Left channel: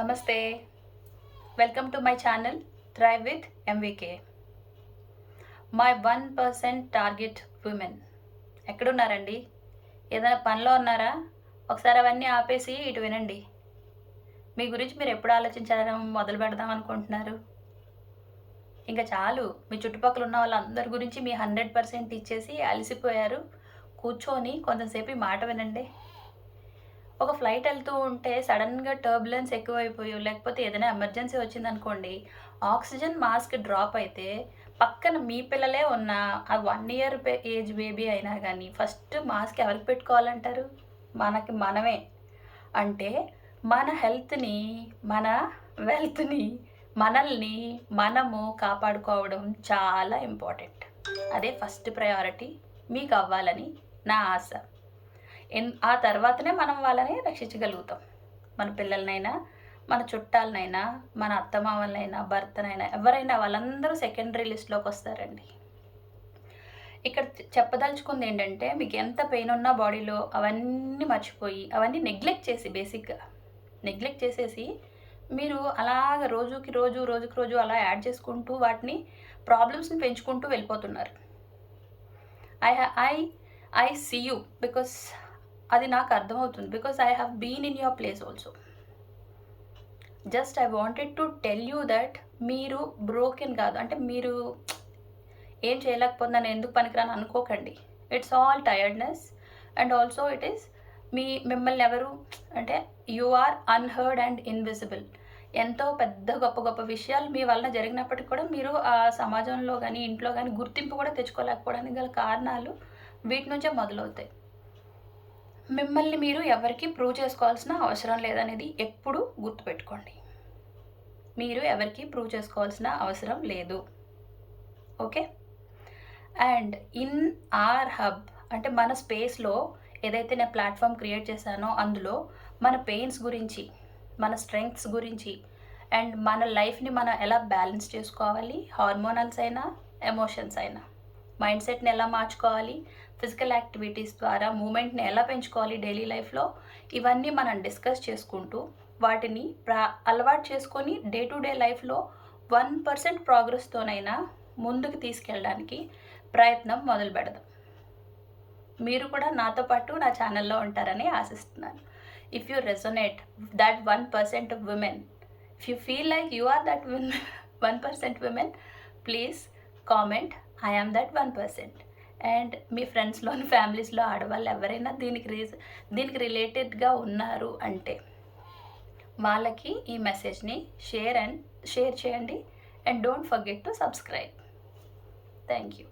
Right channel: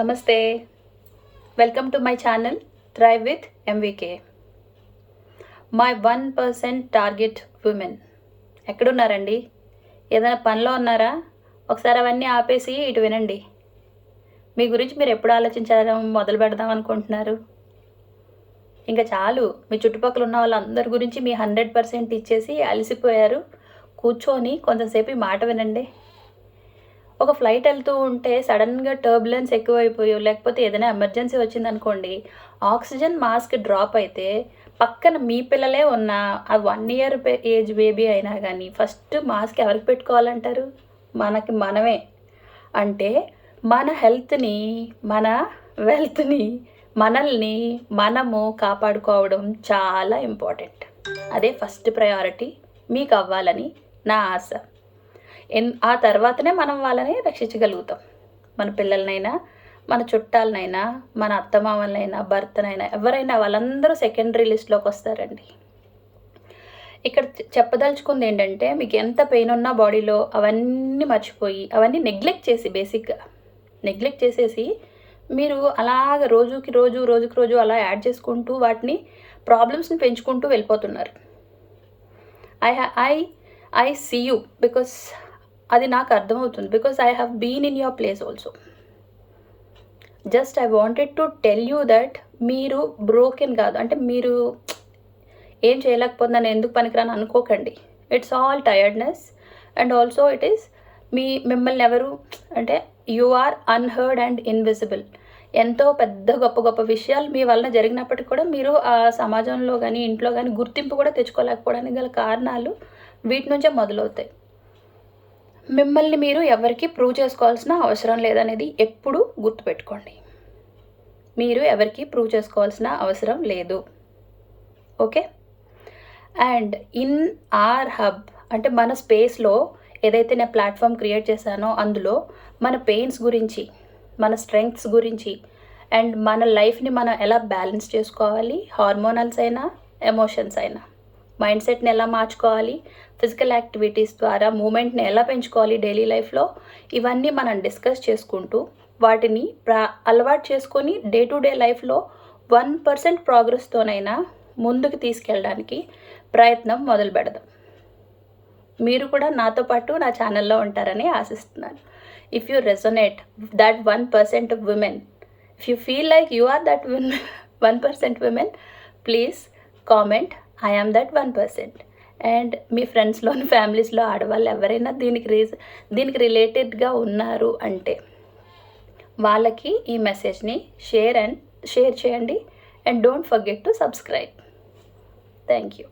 నమస్తే, welcome to my channel thrive with MVK. My 1% target women. ఎక్కడున్నారండి? ఏదైనా పనిలో ఉన్నారా? ఒకసారి అవన్నీ ఆపేసి ఇటు వినండి. మీ గురించి మీరు ఎప్పుడు ఆలోచించడం మొదలు పెడదాం అనుకుంటున్నారు? ఇంకా చాలు. మీ చుట్టుపక్కల ఉన్న వాళ్ళందరి గురించి మీ 100% ఇచ్చేసి అలసిపోయారు. కూర్చొని కొంతసేపు ఈ మాట వినండి. ఒక ఫ్లైట్ వెళ్తూ ఉంటే సడన్గా టర్బులెన్స్ ఎక్కువైపోయో లేకపోతే ఏదైనా ఎమర్జెన్సీ వచ్చిందనుకోండి, ఆక్సిజన్ మాస్క్ డ్రాప్ అయితే పక్కన మీ పిల్లలే ఉన్నా ఆ 1 ఇయర్ ఏజ్ బేబీ అయినా కానీ ఫస్ట్ మాస్క్ ఎవరికి పెట్టుకోవాలంటారు? మనమే. అంటే మన హెల్త్ని, మన వెల్త్ని, మనల్ని మనము కాపాడుకోవడం చాలా ఇంపార్టెంట్. అదే ఫస్ట్ ప్రయారిటీ మీకు అవ్వాలని నా ఆశ. ఆ తర్వాతనే మనం వాళ్ళని రక్షించగలుగుతాం. మన పిల్లలనైనా, మన చుట్టాలనైనా, మన అత్తమామలనైనా, భర్తనైనా, ఎవరైనా వాళ్ళందరూ సెకండరీ లిస్ట్లోకి వస్తారండి. ఇక్కడ చెప్పదలుచుకుంది ఏంటంటే, మీకు ఎంత పెయిన్ ఉన్నా బాడీలో అవన్నీ మర్చిపోయి, అవన్నీ బేసిక్గా నెగ్లెక్ట్ చేసేసి మీరు అలాగ రోజుకి రోజు అలా యాడ్ చేసుకుంటూ వాటిని ప్రాబ్లమ్స్ని పెంచుకుంటూ వెళ్ళిపోతున్నారు. ఐ సీ యూ బికాస్ అది నాకు అర్థమవుతుంది. Because I have been in your place also. Just I wanted to tell you that మీరు బ్రోకెన్ కాదు. అంటే మీరు ఏం చేయలేకపోతున్నాను, ఎందుకు పనికిరాను అనుకోకండి. It's all tiredness and also it is మిమ్మల్ని ఎవరు అంటే you are unheard and invisible. ఎంతో పెద్ద గొప్ప విషయాలు మీ వలన జరిగినప్పటికీ కూడా మీరు ఆ సమాజంలో కానీ ఇంట్లో కానీ గుర్తింపు కూడా తెచ్చుకోలేకపోవడానికి గల కారణాలు వీటి నుంచే మొదలవుతాయి. మిమ్మల్ని మీరు ఎవరికి ప్రూవ్ చేసుకోవాల్సిన అవసరం లేదనేది ఎప్పుడూ గుర్తుపెట్టుకోండి. మీరు ఎవరికి ప్రూవ్ చేసుకోవాల్సిన అవసరం లేదు. Okay. And in our hub అంటే మన స్పేస్లో ఏదైతే నేను ప్లాట్ఫామ్ క్రియేట్ చేశానో అందులో మన పెయిన్స్ గురించి, మన స్ట్రెంగ్త్స్ గురించి అండ్ మన లైఫ్ని మనం ఎలా బ్యాలెన్స్ చేసుకోవాలి, హార్మోనల్స్ అయినా ఎమోషన్స్ అయినా, మైండ్ సెట్ని ఎలా మార్చుకోవాలి, ఫిజికల్ యాక్టివిటీస్ ద్వారా మూమెంట్ని ఎలా పెంచుకోవాలి డైలీ లైఫ్లో, ఇవన్నీ మనం డిస్కస్ చేసుకుంటూ వాటిని అలవాటు చేసుకొని డే టు డే లైఫ్లో 1% ప్రోగ్రెస్తోనైనా ముందుకు తీసుకెళ్ళడానికి ప్రయత్నం మొదలు పెడదాం. మీరు కూడా నాతో పాటు నా ఛానల్లో ఉంటారని ఆశిస్తున్నాను. If you resonate that 1% of women, if you feel like you are that 1% women, please comment I am that 1%. And మీ ఫ్రెండ్స్లోని ఫ్యామిలీస్లో ఆడవాళ్ళు ఎవరైనా దీనికి రిలేటెడ్గా ఉన్నారు అంటే వాళ్ళకి ఈ మెసేజ్ని షేర్ చేయండి and don't forget to subscribe. Thank you.